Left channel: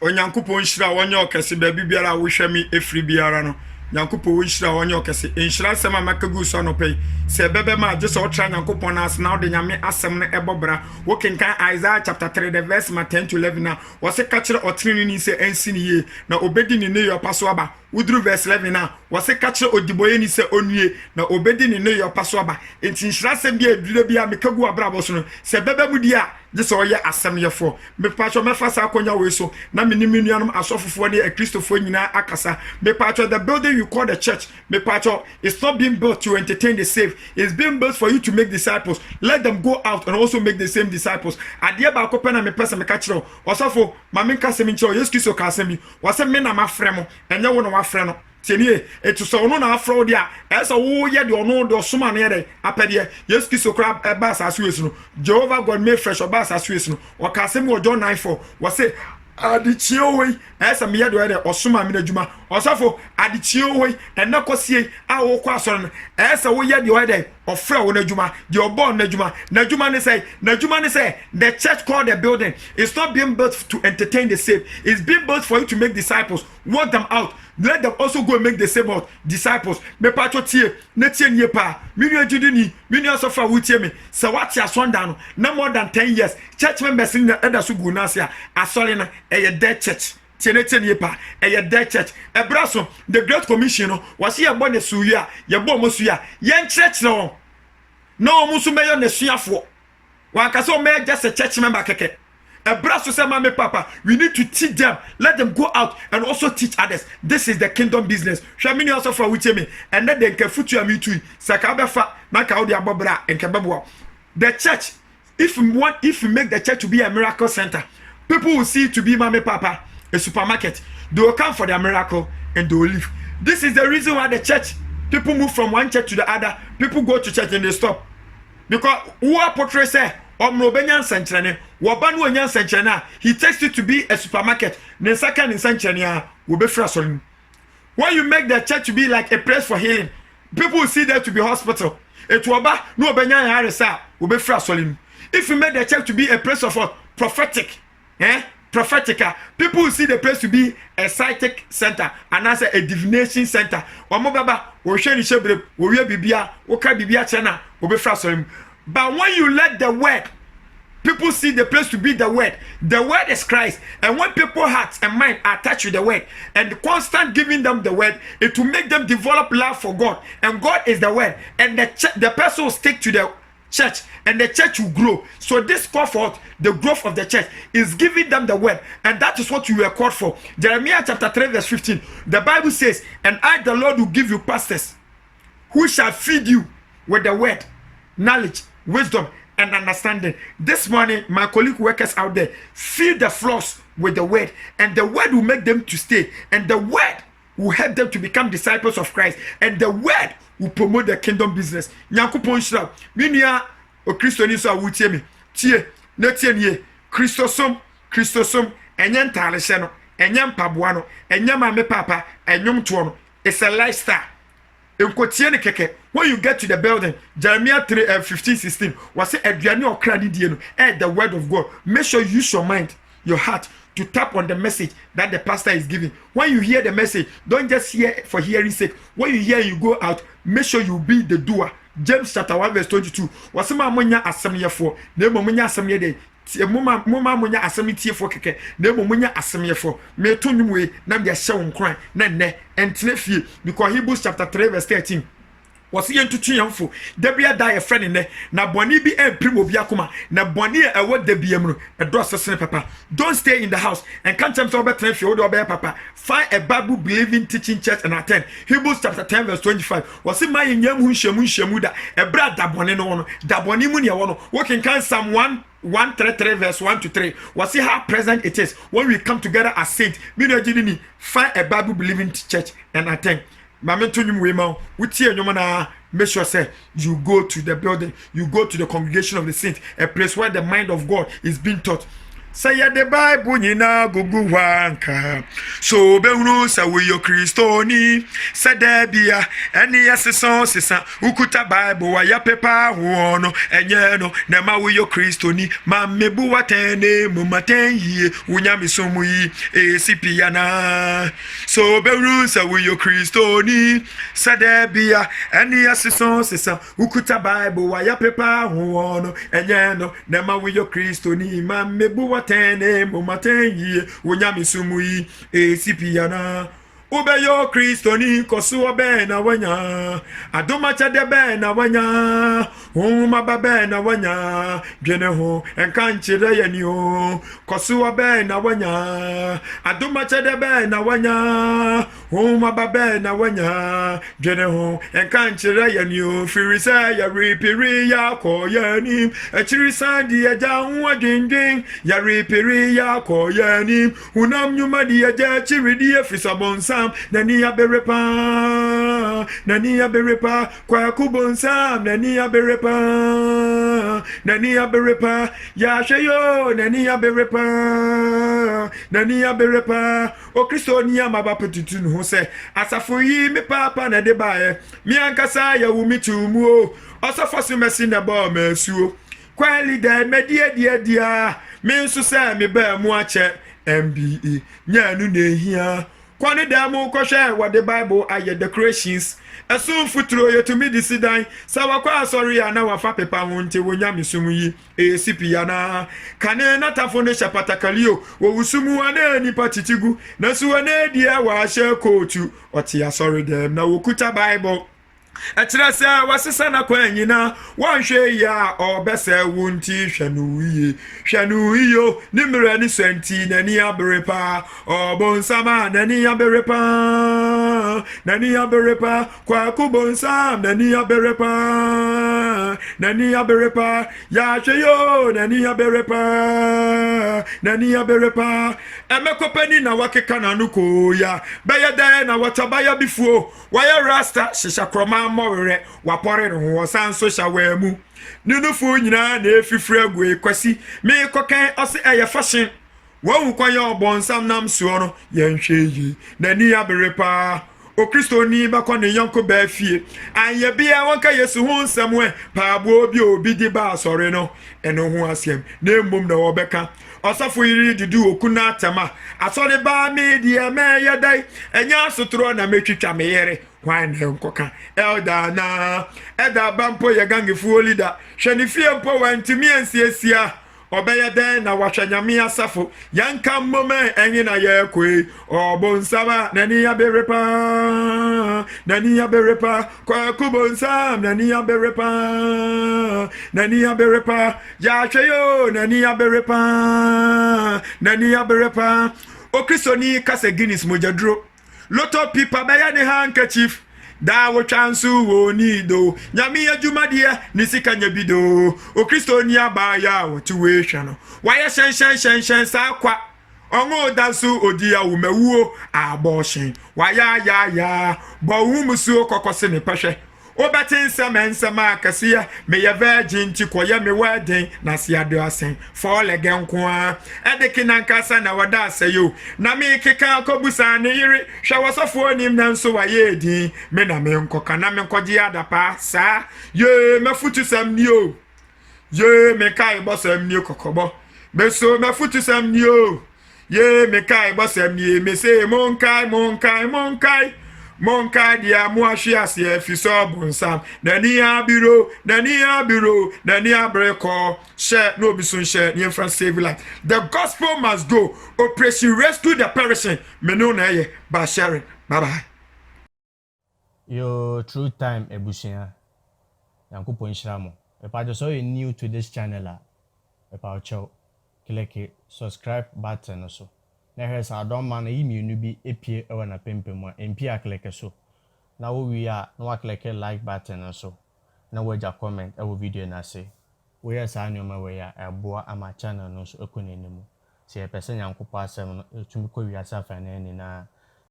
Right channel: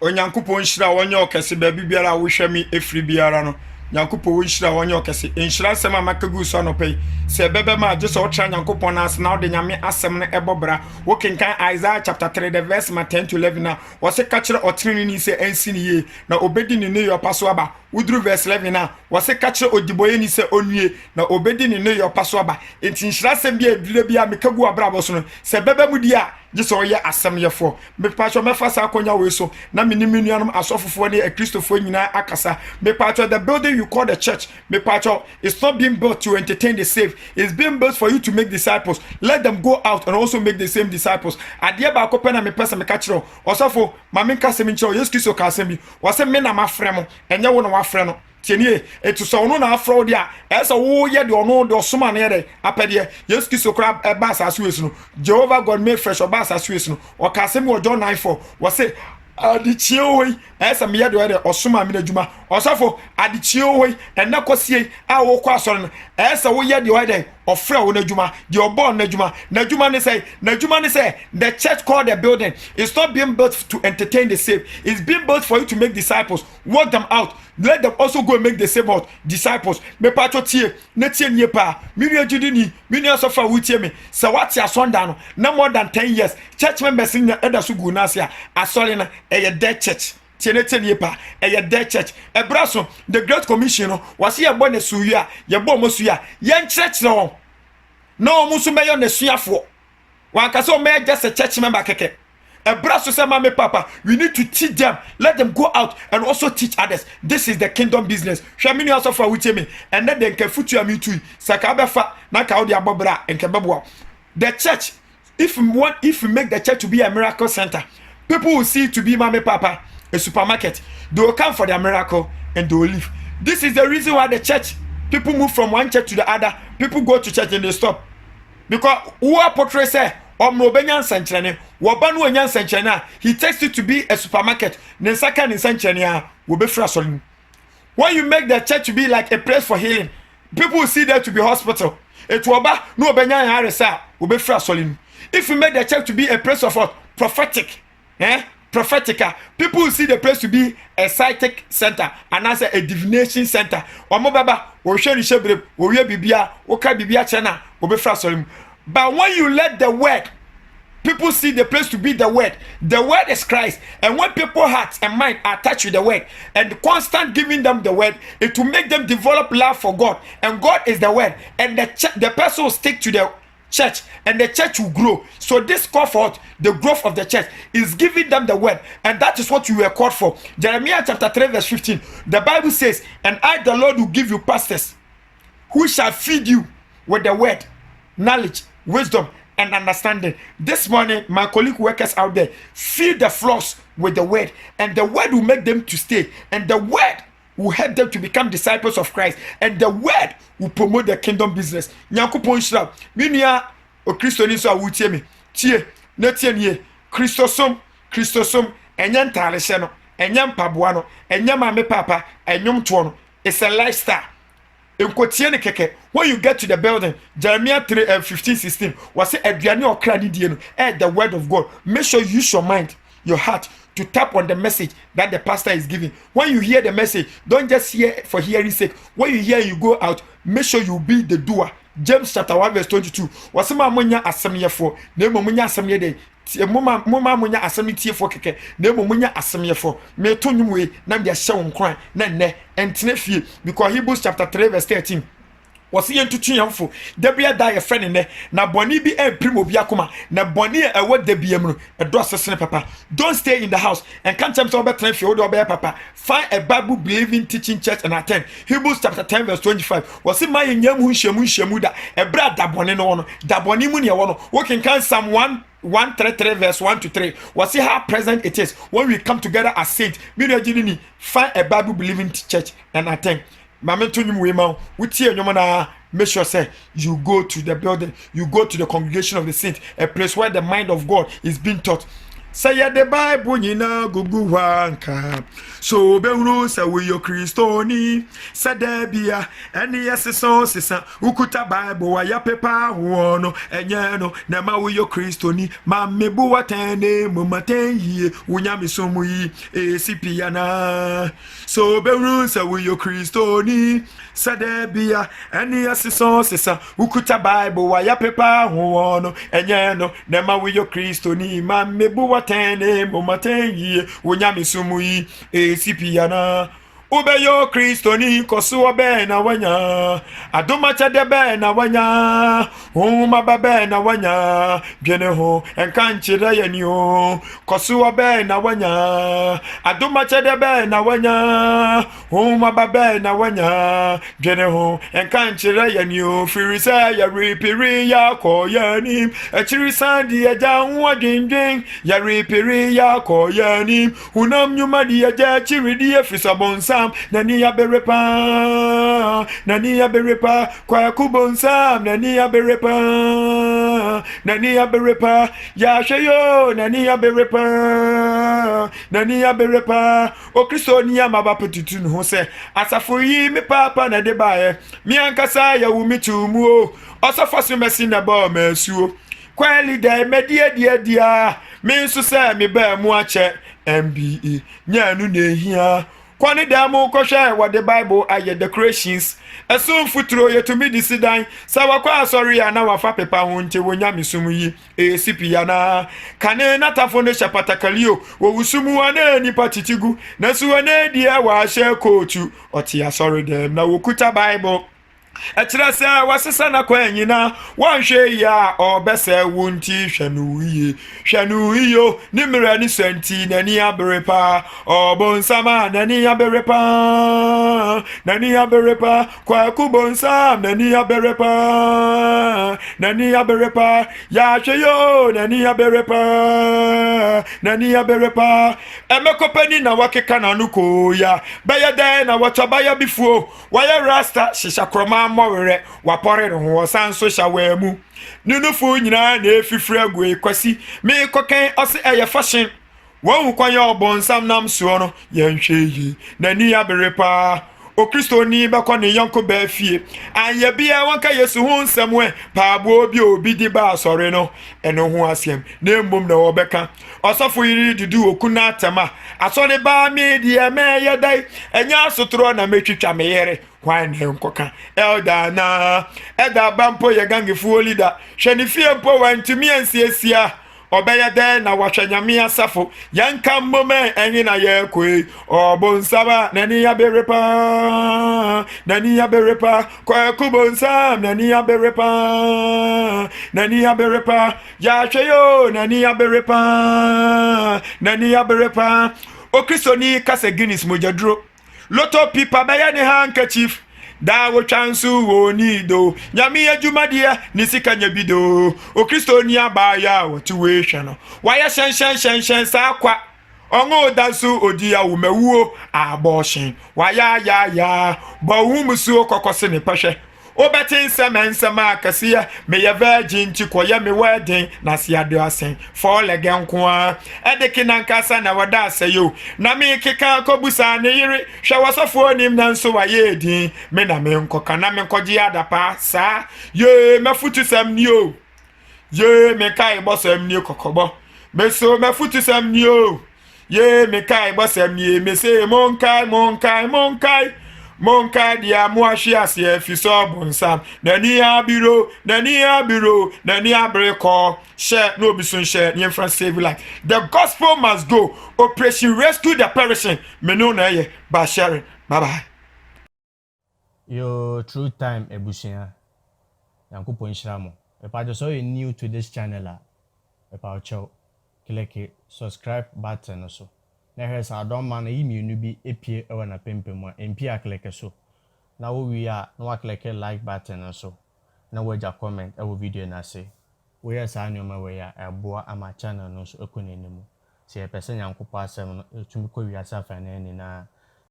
onyankopɔn hyira wonye okese ba bibiara wo hwemi efri biara no nyankopɔn wo hyira wonye okese enhyira nsɛm a makagu so no pɛ sɛ bɛbɛ ma gye sɛ wotra nyankopɔn na asna wo de nyame asɛm no ɛbɔbra wo kenkan Isaiah chapter 3 the verse 10 to 11 na wo se ka kyerɛ ɔtene ni sɛ ansi ni ye na obedi ni ne yopa so aba udru verse 11 na wo se ka kyerɛ odiboye ni sɛ onue na obedi ni ne yopa so aba enti nhyira nsɛm bi adure bi a mekagu abrabɔ so no sɛ bɛbɛ mu di a gye sɛ ɔyɛ asɛm yɛfo mepatwɔ mɛfa sa akonya we so na menimi nuanom asɔfofoɔ ne akristofoɔ nyinaa akasa mepatwɔ the building you call the church mepatwɔ it's not being built to entertain the saved, it's being built for you to make disciples. Let them go out and also make the same disciples. Adeɛ baako pɛ na mepɛ sɛ meka kyerɛ ɔsɔfo ma menka sɛm nkyerɛ Yesu Kristo ka asɛm bi wɔsɛ me na mafrɛ mo ɛnyɛ wo na wafrɛ no tienie etu so ono na afro dia esa wo ye de ono de osoma na ye apede Yesu Kristo kra eba asaso yesu no Jehovah God made fresh oba asaso yesu no o ka se mo John 9:4 wo se adichie we esa me ye de osoma me adwuma osafo adichie we ena kosie a wo kwa asoro no esa wo ye de o de ofra wo na adwuma de obo na adwuma ne say the church called the building is not being built to entertain the saved, it's being built for you to make disciples, work them out. Let them also go and make the same out disciples. Me pato tie, ne tie nie pa. Me nua judi ni, me nua sofa wo tie me. Se what ya sonda no, na more than 10 years. Church members in eda so gu na se a asole na eye dead church. Tie ne tie nie pa, eye dead church. Ebraso, the Great Commission no, was ye bo ne suya, ye bo mo suya. Yen church no. No mo so meyo ne suafo. Wan ka se o me just a church member keke. A brasso say mama papa, we need to teach them, let them go out and also teach others. This is the kingdom business. Shamini also for with me, and then they can foot you me too. Sakabefa na kaudi abobra and kababwa. The church, if you make the church to be a miracle center, people will see it to be mama papa a supermarket. They will come for their miracle and they will leave. This is the reason why the church, people move from one church to the other. People go to church and they stop because who are portray say Omrobenyan Sanchane, Wabanu and Yan Sanchana, he takes it to be a supermarket. The second in Sanchania will be frustrating. When you make the church to be like a place for healing, people will see that to be hospital. It will be no Benyan Harisa will be frustrating. If you make the church to be a place of what? Prophetic, prophetica, people will see the place to be a psychic center and as a divination center. Omobaba, or Shani Shebre, or Bibia, or Bibia Chana, will be frustrating. But when you let the word, people see the place to be the word is Christ. And when people's hearts and mind are touched with the word and constant giving them the word, it will make them develop love for God. And God is the word. And the person will stick to the church and the church will grow. So this call for the growth of the church is giving them the word. And that is what we were called for. Jeremiah chapter 3 verse 15. The Bible says, and I the Lord will give you pastors who shall feed you with the word, knowledge, wisdom and understanding. This morning, my colleague workers out there, feed the flocks with the word, and the word will make them to stay, and the word will help them to become disciples of Christ, and the word will promote the kingdom business. Nyankopon shira, minia o Kristo ni so awutie me. Tie, na tie nie. Kristosom, enye ntare hye no, enye mpaboa no, enye mame papa, enyom to no. It's a lifestyle. When you get to the building, Jeremiah 3:15-16 was say aduane okra die no the word of God. Make sure you use your mind, your heart to tap on the message that the pastor is giving. When you hear the message, don't just hear for hearing sake. When you hear, you go out, make sure you be the doer. James chapter 1 verse 22 was ma munya asemyefo na munya asemye dey muma munya asemitiefo keke na munya asemyefo me to nwumwe na me hye wo nkran na nne entene fie because Hebrews chapter 3 verse 13 was yen tutu yamfo dabia da ye friend ne na boni bi emprim obi akoma na boni e wo dabiam no e do sesene papa. Don't stay in the house and can't tell me so better if you do obey papa. Find a Bible believing teaching church and attend. Hebrews chapter 10 verse 25 was in my nyam hunhyemu da e bra da boni no da boni mu ne wo no we can Psalm 133 verse 1 to 3 was see how present it is when we come together as saints. Find a Bible believing church and attend. Mamento nyum we ma wutie nyom na make sure say you go to the building, you go to the congregation of the saints, a place where the mind of God is being taught. Say the Bible nyina gugu wanka. So be unu say we yo Christoni. Say there be a any asison sisa. Ukuta Bible wa ya pepa wono. Enye no nema we yo Christoni. Ma mebu watene mumaten ye. Unyami sumu yi esipiana. So be unu say we yo Christoni. Say there be a any asison sisa. Ukuta Bible wa ya pepa wono. Enye no nema we yo Christoni. Ma mebu watene mumaten ye unyami sumu yi esipiana ubeyo Kristoni kosuwa be na wanya adoma chade be na wanya uma babe na wanya biene ho enkanchire yani ho kosuwa be na wanya adoma chade be na wanya uma babe na wanya biene ho enkanchire yani ho firisa ya ripiri ya koyani echiri sandi ya janwa dindin ya ripiri ya koyani unam nyuma di ya chiri di efisa bonsa nani ya berepa kwa kubonsam nani ya berepa ya sheyo nani ya berepa o Kristo ni amaba petutun ho se asafo yi me papa na de bae mi ankasa ya wu mitumu o osafaso mesi na ba masuo kwali da medie dia me nso se me ba mu ache MBE nyanu na ehia kwani demo koshe what the Bible aye decorations esun futuro yetumi disidan sawa kwa sorry ya na wafa pepa honte wonya misumu yi esipi ya na kane natafo ne shapatakalio wo wusumu ana nipa titigu na suwa ne dia wa she kotu otia sorry dem na wokuta Bible etrese wasesa na kwanyina wanhwe ya obese wunti hwanu iyo nimra ni senti nani aberepa obonsama nani aberepa kwa kubonsam nani aberepa ya hweyo nani aberepa emekopani na wakeka na nuko ya bayada na watabaya bifuo waya rasta shisha kroma mowere wapore ho sanso shawemu nunufu nyina na efifre agwe kwasi me koken ose eye fashion wo kwanya obonsam nam suo no yenhwe yi nani aberepa o Kristoni bakone yanko ba fie anye bia wonka Yesu hu nsamwe paabo obi di ba sore no eno ho asem na embom na wobeka osofo yiri dudu okuna atama asore ba me die me yedai enya asotro na metwitwa me yere kwan ne nkoka eda bampo ye gangifu leader hwani fie mpo wantumi ansiesia obeye de na wahwanyame asafo yanka mmoma enyi na ye koi obonsaba nani aberepa kwa kubonsam nani aberepa ya hweyo nani aberepa o Kristoni kase Guinness mojadro loto pipa beye ne handkerchief da wo chansu wo nido nyame adwumadeɛ ne sika nya bido o Kristoni abaya wo tuwe hwano waya shen sa kwa ongo dasu odia wo mawuo abortion waya ya bo humusu kokose ne pahwe obetin sema kasia me ye virgin ti koye me wedding na siado asen for legen kwa edeki nankasa na wada aseyo na me keka kobusa ne yiri hwawasofo nim na nso waye edin me na me nkoka na me nkoje adapa sa ye mafutu sam ni o ye me kai bosam ni kokobo me so mafutu sam ni o ye me kai bosam ni me se monkai dia muashi ase fiso bonsam nani abiro nani abreko share no bisun share near France save life. The gospel must go. Operation rescue the perishing meno na ye ba share. Bye bye. Yo true time ebusia yankopo nhyiramo epa so you new to this channel epa cho click subscribe button so na hwesa adom man yi mienu bi epie ewa na pempem a empia click so na wo wi a na wa click like button so na wo ja comment ewo video na say wo yes anyoma we ya eboa ama channel no so ekonenimu se epese nyankopo asem no etumi ko wi asafa na ni na